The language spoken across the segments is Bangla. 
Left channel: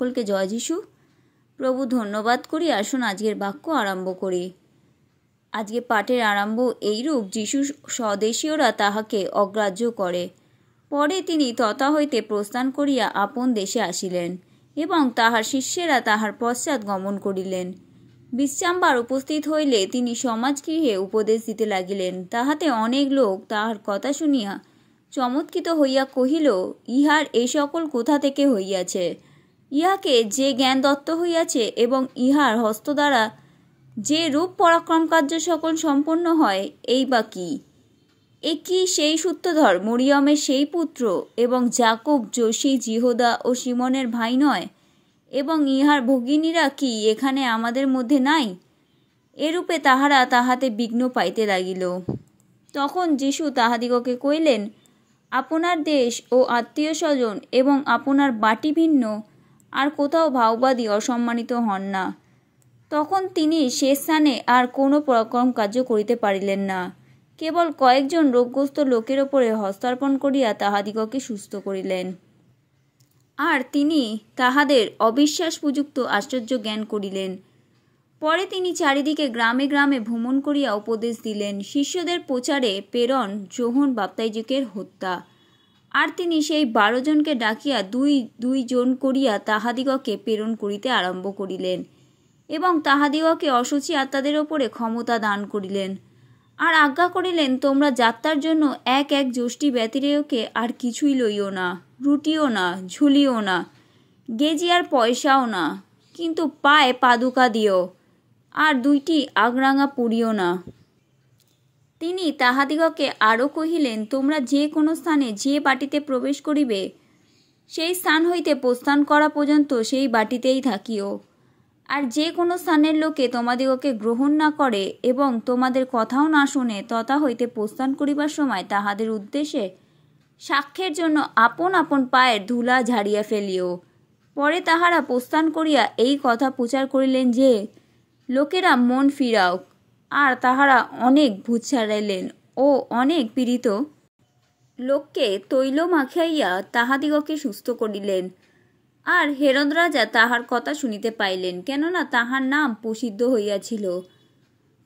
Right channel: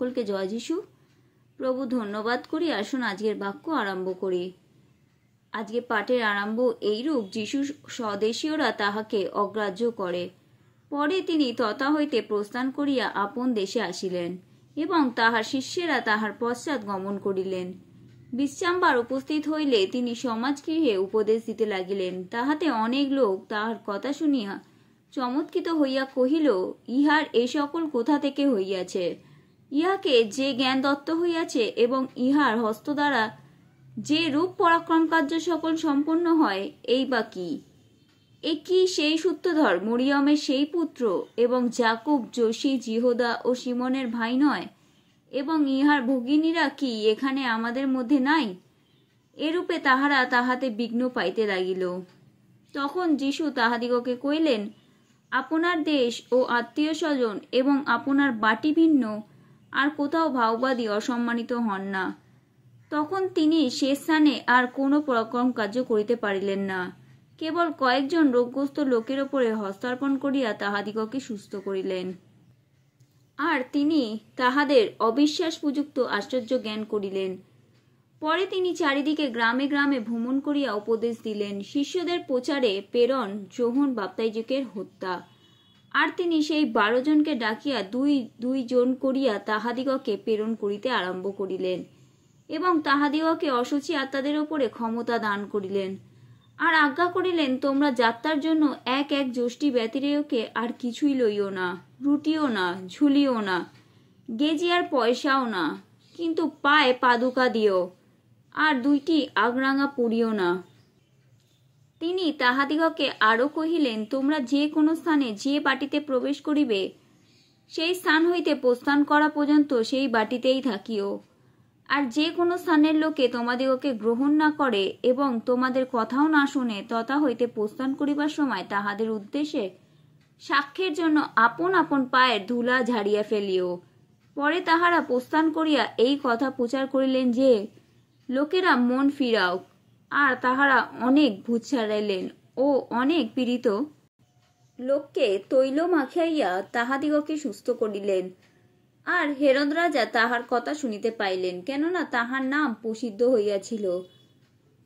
সকলকে জয় যিশু। প্রভু ধন্যবাদ করি। আসুন আজকের বাক্য আরম্ভ করি। আজকে পাঠের আরম্ভ এইরূপ, যিশু স্বদেশীয়রা তাহাকে অগ্রাহ্য করে। পরে তিনি তথা হইতে প্রস্থান করিয়া আপন দেশে আসিলেন এবং তাহার শিষ্যেরা তাহার পশ্চাৎ গমন করিলেন। বিশ্রামবার উপস্থিত হইলে তিনি সমাজগৃহে উপদেশ দিতে লাগিলেন। তাহাতে অনেক লোক তাহার কথা শুনিয়া চমৎকৃত হইয়া কহিল, ইহার এই সকল কোথা থেকে হইয়াছে? ইহাকে যে জ্ঞান দত্ত হইয়াছে এবং ইহার হস্ত দ্বারা যে রূপ পরাক্রম কার্য সকল সম্পন্ন হয়, এই বা কি? এ কি সেই সূত্রধর মরিয়মের সেই পুত্র এবং যাকব, যোশী, জিহোদা ও সিমনের ভাই নয়? এবং ইহার ভগিনীরা কি এখানে আমাদের মধ্যে নাই? এরূপে তাহারা তাহাতে বিঘ্ন পাইতে লাগিল। তখন যীশু তাহাদিগকে কহিলেন, আপনার দেশ ও আত্মীয় স্বজন এবং আপনার বাটি ভিন্ন আর কোথাও ভাওবাদী অসম্মানিত হন না। তখন তিনি সে স্থানে আর কোনো পরাক্রম কার্য করিতে পারিলেন না, কেবল কয়েকজন রোগগ্রস্ত লোকের ওপরে হস্তার্পণ করিয়া তাহাদিগকে সুস্থ করিলেন। আর তিনি তাহাদের অবিশ্বাসপূযুক্ত আশ্চর্য জ্ঞান করিলেন। পরে তিনি চারিদিকে গ্রামে গ্রামে ভ্রমণ করিয়া উপদেশ দিলেন, শিষ্যদের প্রচারে প্রেরণ যোহন বাপ্তাইজকের হত্যা। আর তিনি সেই 12 জনকে ডাকিয়া দুই দুই জন করিয়া তাহাদিগকে প্রেরণ করিতে আরম্ভ করিলেন এবং তাহাদিগকে অসুচি আত্মাদের ওপরে ক্ষমতা দান করিলেন। আর আজ্ঞা করিলেন, তোমরা যাত্রার জন্য এক এক যষ্টি ব্যতিরেয়কে আর কিছুই লইও না, রুটিও না, ঝুলিও না, গেজি আর পয়সাও না, কিন্তু পায়ে পাদুকা দিও, আর 2টি আগরাঙা পরিও না। তিনি তাহাদিগকে আরও কহিলেন, তোমরা যে কোনো স্থানে যে বাটিতে প্রবেশ করিবে, সেই স্থান হইতে প্রস্থান করা পর্যন্ত সেই বাটিতেই থাকিও। আর যে কোনো স্থানের লোকে তোমাদিগকে গ্রহণ না করে এবং তোমাদের কথাও না শুনে, তথা হইতে প্রস্থান করিবার সময় তাহাদের উদ্দেশ্যে সাক্ষ্যের জন্য আপন আপন পায়ের ধুলা ঝাড়িয়া ফেলিও। পরে তাহারা প্রস্থান করিয়া এই কথা প্রচার করিলেন যে, লোকেরা মন ফিরাও। আর তাহারা অনেক ভূত ছাড়াইলেন ও অনেক পীড়িত লোককে তৈল মাখাইয়া তাহাদিগকে সুস্থ করিলেন। আর হেরোদ রাজা তাহার কথা শুনিতে পাইলেন, কেননা তাহার নাম প্রসিদ্ধ হইয়াছিল।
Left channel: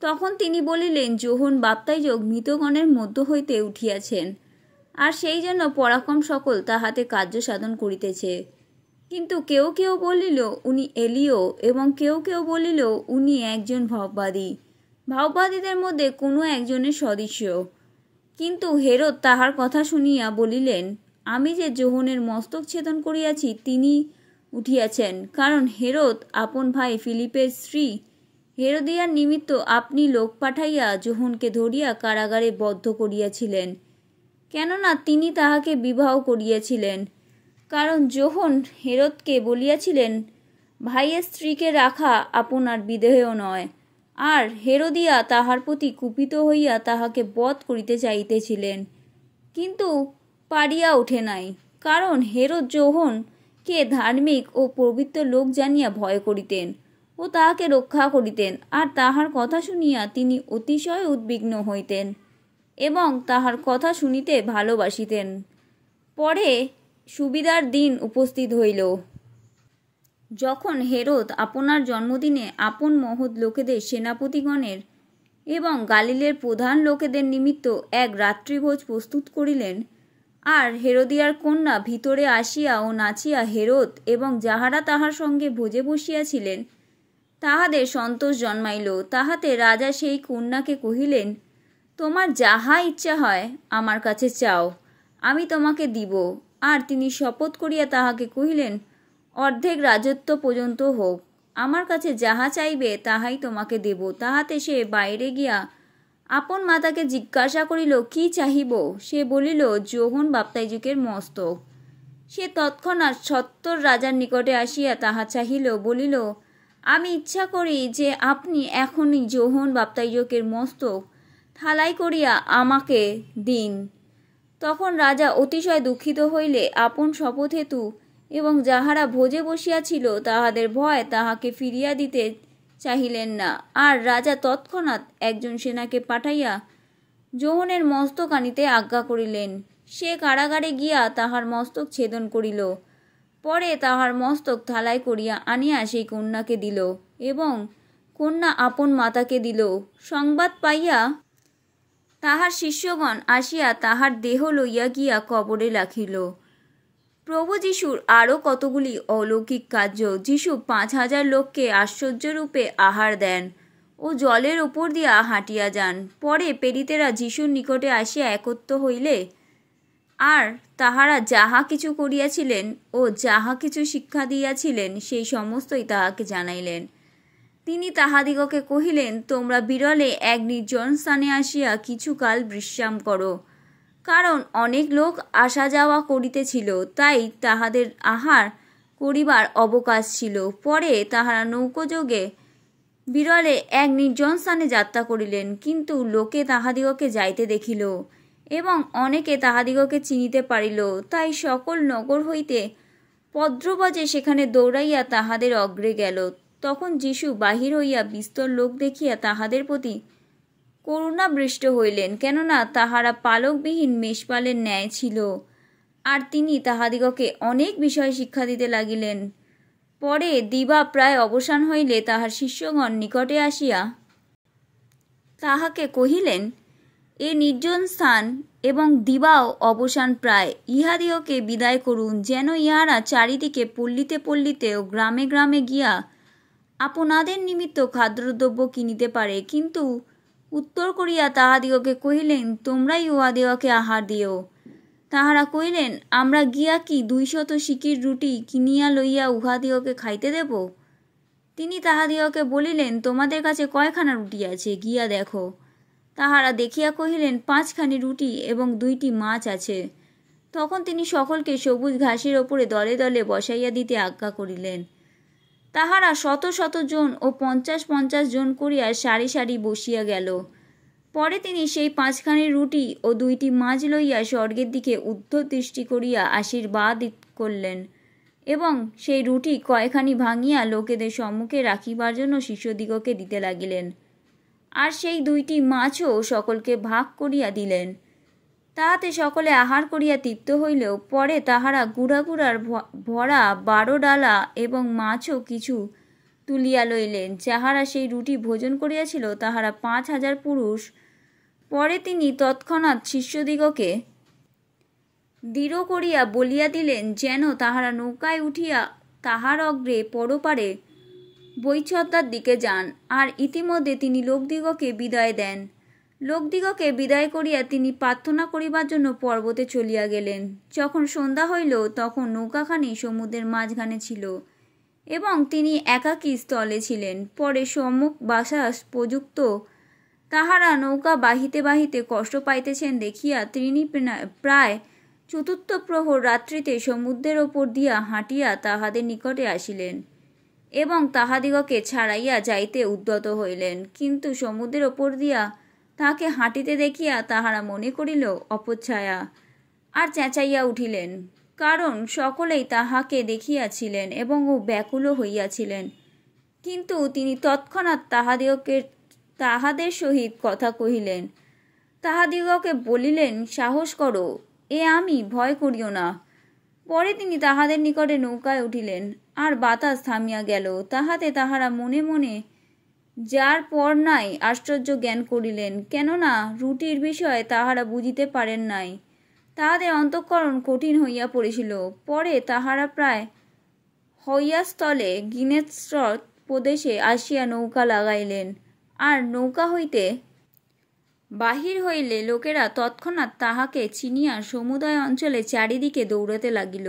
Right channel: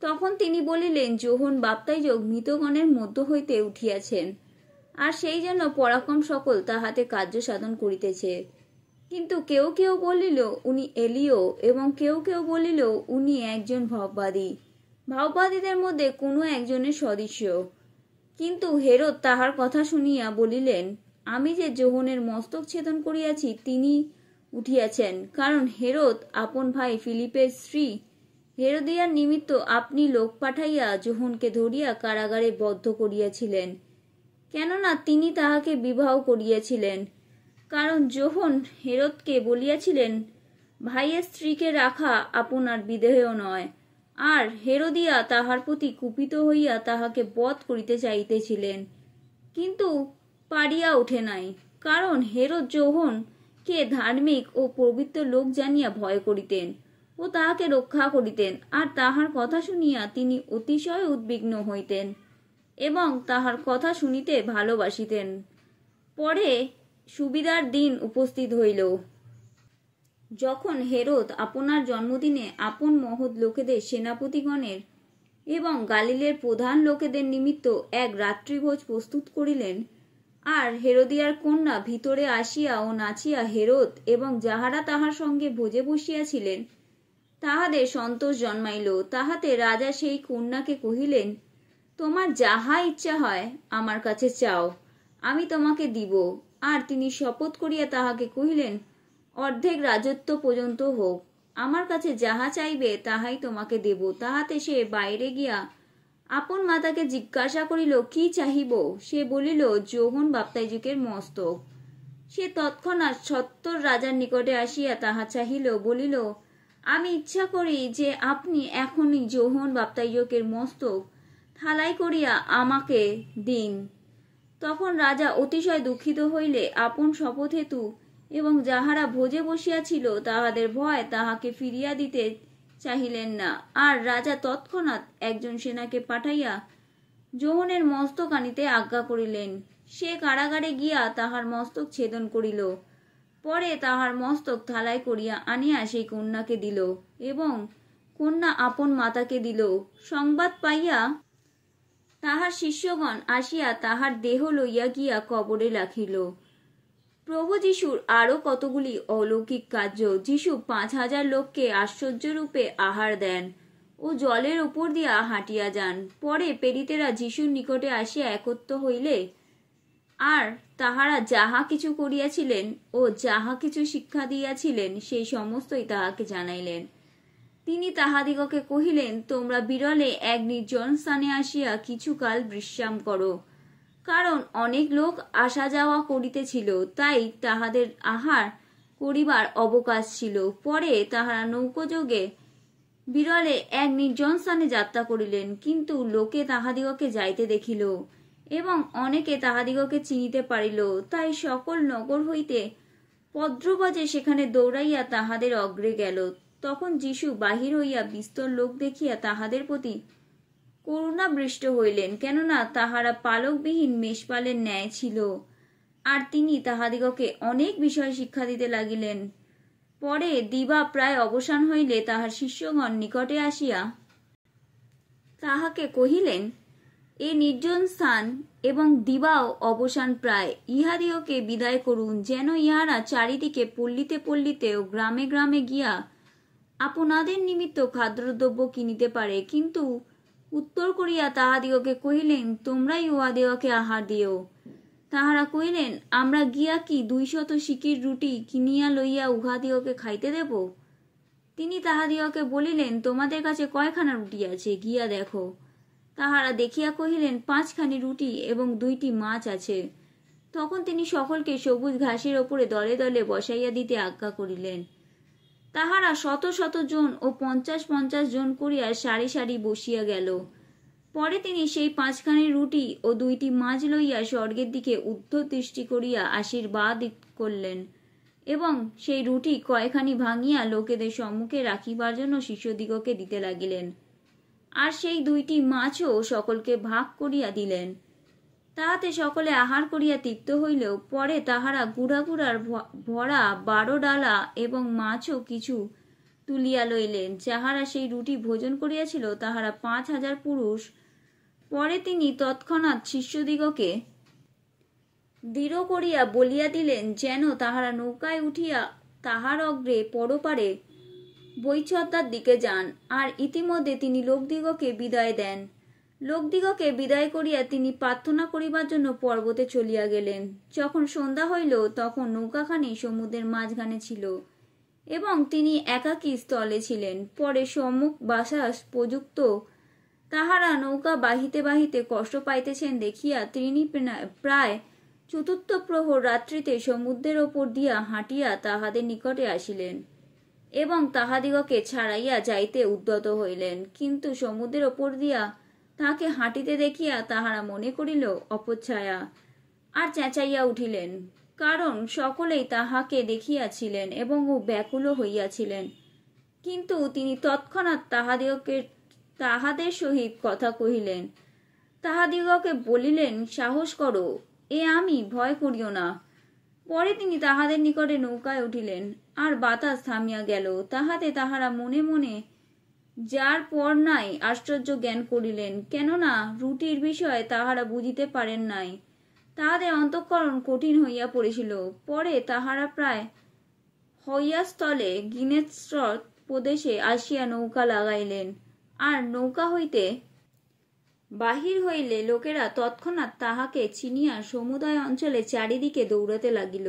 তখন তিনি বলিলেন, যোহন বাপ্তাইজক মৃতগণের মধ্য হইতে উঠিয়াছেন, আর সেই জন্য পরাক্রম সকল তাহাতে কার্য সাধন করিতেছে। কিন্তু কেউ কেউ বলিল, উনি এলিও, এবং কেউ কেউ বলিল, উনি একজন ভাববাদী, ভাববাদীদের মধ্যে কোনো একজনের সদৃশ্য। কিন্তু হেরোদ তাহার কথা শুনিয়া বলিলেন, আমি যে যোহনের মস্তক ছেদন করিয়াছি, তিনি উঠিয়াছেন। কারণ হেরোদ আপন ভাই ফিলিপের স্ত্রী হেরোদিয়ার নিমিত্ত আপনি লোক পাঠাইয়া যোহনকে ধরিয়া কারাগারে বদ্ধ করিয়াছিলেন, কেননা তিনি তাহাকে বিবাহ করিয়াছিলেন। কারণ যোহন হেরোদকে বলিয়াছিলেন, ভাইয়ের স্ত্রীকে রাখা আপনার বিদেহ নয়। আর হেরোদিয়া তাহার প্রতি কুপিত হইয়া তাহাকে বধ করিতে চাইতেছিলেন, কিন্তু পারিয়া ওঠে নাই। কারণ হেরোদ যোহনকে ধার্মিক ও পবিত্র লোক জানিয়া ভয় করিতেন ও তাহাকে রক্ষা করিতেন। আর তাহার কথা শুনিয়া তিনি অতিশয় উদ্বিগ্ন হইতেন এবং তাহার কথা শুনিতে ভালোবাসিতেন। পরে সুবিধার দিন উপস্থিত হইল, যখন হেরোদ আপনার জন্মদিনে আপন মহৎ লোকেদের সেনাপতিগণের এবং গালিলের প্রধান লোকেদের নিমিত্ত এক রাত্রিভোজ প্রস্তুত করিলেন। আর হেরোদিয়ার কন্যা ভিতরে আসিয়া ও নাচিয়া হেরোদ এবং যাহারা তাহার সঙ্গে ভোজে বসিয়াছিলেন তাহাদের সন্তোষ জন্মাইল। তাহাতে রাজা সেই কন্যাকে কহিলেন, তোমার যাহা ইচ্ছা হয় আমার কাছে চাও, আমি তোমাকে দিব। আর তিনি শপথ করিয়া তাহাকে কহিলেন, অর্ধেক রাজত্ব পর্যন্ত হোক, আমার কাছে যাহা চাইবে তাহাই তোমাকে দেব। তাহাতে সে বাইরে গিয়া আপন মাতাকে জিজ্ঞাসা করিল, কি চাহিব? সে বলিল, যোহন বাপ্তাইজকের মস্তক। সে তৎক্ষণাৎ 70 রাজার নিকটে আসিয়া তাহা চাহিল, বলিল, আমি ইচ্ছা করি যে আপনি এখনই যোহন বাপ্তাইজকের মস্তক থালাই করিয়া আমাকে দিন। তখন রাজা অতিশয় দুঃখিত হইলে আপন শপথ হেতু এবং যাহারা ভোজে বসিয়াছিল তাহাদের ভয় তাহাকে ফিরিয়া দিতে চাহিলেন না। আর রাজা তৎক্ষণাৎ একজন সেনাকে পাঠাইয়া যোহনের মস্তক আনিতে আজ্ঞা করিলেন। সে কারাগারে গিয়া তাহার মস্তক ছেদন করিল। পরে তাহার মস্তক থালায় করিয়া আনিয়া সেই কন্যাকে দিল এবং কন্যা আপন মাতাকে দিল। সংবাদ পাইয়া তাহার শিষ্যগণ আসিয়া তাহার দেহ লইয়া গিয়া কবরে রাখিল। প্রভু যিশুর আরও কতগুলি অলৌকিক কার্য। যিশু 5,000 লোককে আশ্চর্যরূপে আহার দেন ও জলের উপর দিয়া হাঁটিয়া যান। পরে প্রেরিতেরা যিশুর নিকটে আসিয়া একত্র হইলে আর তাহারা যাহা কিছু করিয়াছিলেন ও যাহা কিছু শিক্ষা দিয়াছিলেন সেই সমস্তই তাহাকে জানাইলেন। তিনি তাহাদিগকে কহিলেন, তোমরা বিরলে এক নির্জন স্থানে আসিয়া কিছুকাল বিশ্রাম করো, কারণ অনেক লোক আসা যাওয়া করিতেছিল, তাই তাহাদের আহার করিবার অবকাশ ছিল। পরে তাহারা নৌকোযোগে বিরলে এক নির্জন স্থানে যাত্রা করিলেন, কিন্তু লোকে তাহাদিগকে যাইতে দেখিল এবং অনেকে তাহাদিগকে চিনিতে পারিল, তাই সকল নগর হইতে পদ্রবজে সেখানে দৌড়াইয়া তাহাদের অগ্রে গেল। তখন যিশু বাহির হইয়া বিস্তর লোক দেখিয়া তাহাদের প্রতি করুণাবৃষ্ট হইলেন, কেননা তাহারা পালকবিহীন মেষপালের ন্যায় ছিল। আর তিনি তাহাদিগকে অনেক বিষয় শিক্ষা দিতে লাগিলেন। পরে দিবা প্রায় অবসান হইলে তাহার শিষ্যগণ নিকটে আসিয়া তাহাকে কহিলেন, এ নির্জন স্থান এবং দিবাও অবসান প্রায়, ইহাদিওকে বিদায় করুন, যেন ইহারা চারিদিকে পল্লীতে পল্লীতে ও গ্রামে গ্রামে গিয়া আপনাদের নিমিত্ত খাদ্যদ্রব্য কিনিতে পারে। কিন্তু উত্তর করিয়া তাহাদিগকে কহিলেন, তোমরাই উহাদিগকে আহার দিও। তাহারা কহিলেন, আমরা গিয়া কি 200 সিকির রুটি কিনিয়া লইয়া উহাদিগকে খাইতে দেব? তিনি তাহাদিগকে বলিলেন, তোমাদের কাছে কয়খানা রুটি আছে, গিয়া দেখো। তাহারা দেখিয়া কহিলেন, 5খানি রুটি এবং 2টি মাছ আছে। তখন তিনি সকলকে সবুজ ঘাসের ওপরে দলে দলে বসাইয়া দিতে আজ্ঞা করিলেন। তাহারা 100 জন ও 50 জন করিয়া সারি সারি বসিয়া গেল। পরে তিনি সেই 5খানি রুটি ও 2টি মাছ লইয়া স্বর্গের দিকে ঊর্ধ্বদৃষ্টি করিয়া আশীর্বাদ করলেন এবং সেই রুটি কয়খানি ভাঙিয়া লোকেদের সম্মুখে রাখিবার জন্য শিষ্যদিগকে দিতে লাগিলেন। আর সেই 2টি মাছও সকলকে ভাগ করিয়া দিলেন। তাহাতে সকলে আহার করিয়া তৃপ্ত হইলেও পরে তাহারা গুড়াগুড়ার ভরা 12 ডালা এবং মাছও কিছু তুলিয়া লইলেন। যাহারা সেই রুটি ভোজন করিয়াছিল তাহারা 5,000 পুরুষ। পরে তিনি তৎক্ষণাৎ শিষ্যদিগকে দৃঢ় করিয়া বলিয়া দিলেন, যেন তাহারা নৌকায় উঠিয়া তাহার অগ্রে পরপারে বৈচদ্দার দিকে যান। আর ইতিমধ্যে তিনি লোকদিগকে বিদায় দেন। লোকদিগকে বিদায় করিয়া তিনি প্রার্থনা করিবার জন্য পর্বতে চলিয়া গেলেন। যখন সন্ধ্যা হইল তখন নৌকাখানি সমুদ্রের মাঝখানে ছিল এবং তিনি একাকী স্থলে ছিলেন। পরে সম্মুখ বাতাস প্রযুক্ত তাহারা নৌকা বাহিতে বাহিতে কষ্ট পাইতেছেন দেখিয়া তিনি প্রায় 4th প্রহর রাত্রিতে সমুদ্রের ওপর দিয়া হাঁটিয়া তাহাদের নিকটে আসিলেন এবং তাহাদিগকে ছাড়াইয়া যাইতে উদ্যত হইলেন। কিন্তু সমুদ্রের ওপর দিয়া তাহাকে হাঁটিতে দেখিয়া তাহারা মনে করিল অপচ্ছায়া, আর চেঁচাইয়া উঠিলেন, কারণ সকলেই তাহাকে দেখিয়াছিলেন এবং ও ব্যাকুল হইয়াছিলেন। কিন্তু তিনি তৎক্ষণাৎ তাহাদের সহিত কথা কহিলেন, তাহাদিগকে বলিলেন, সাহস করো, এ আমি, ভয় করিও না। পরে তিনি তাহাদের নিকটে নৌকায় উঠিলেন, আর বাতাস থামিয়া গেল। তাহাতে তাহারা মনে মনে যার পর নাই আশ্চর্য জ্ঞান করিলেন, কেননা রুটির বিষয়ে তাহারা বুঝিতে পারেন নাই। তাহাদের অন্তঃকরণ কঠিন হইয়া পড়েছিল। পরে তাহারা প্রায় হইয়াস্থলে গিনেসরত প্রদেশে আসিয়া নৌকা লাগাইলেন। আর নৌকা হইতে বাহির হইলে লোকেরা তৎক্ষণাৎ তাহাকে চিনিয়া সমুদয় অঞ্চলে চারিদিকে দৌড়াতে লাগিল,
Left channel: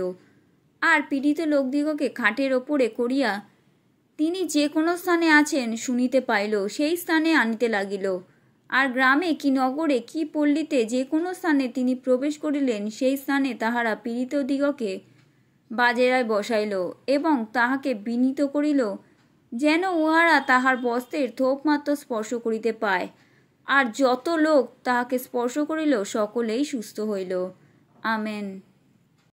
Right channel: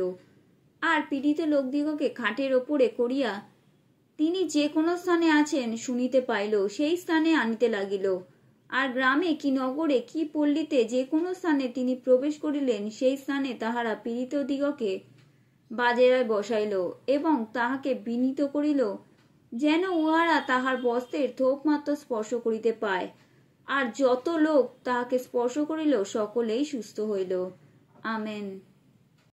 আর পীড়িত লোকদিগকে খাটের ওপরে করিয়া তিনি যে কোনো স্থানে আছেন শুনিতে পাইল, সেই স্থানে আনিতে লাগিল। আর গ্রামে কি নগরে কি পল্লীতে যে কোনো স্থানে তিনি প্রবেশ করিলেন, সেই স্থানে তাহারা পীড়িতদিগকে বাজেরায় বসাইল এবং তাহাকে বিনীত করিল, যেন উহারা তাহার বস্ত্রের থোপ মাত্র স্পর্শ করিতে পায়। আর যত লোক তাহাকে স্পর্শ করিল সকলেই সুস্থ হইল। আমেন।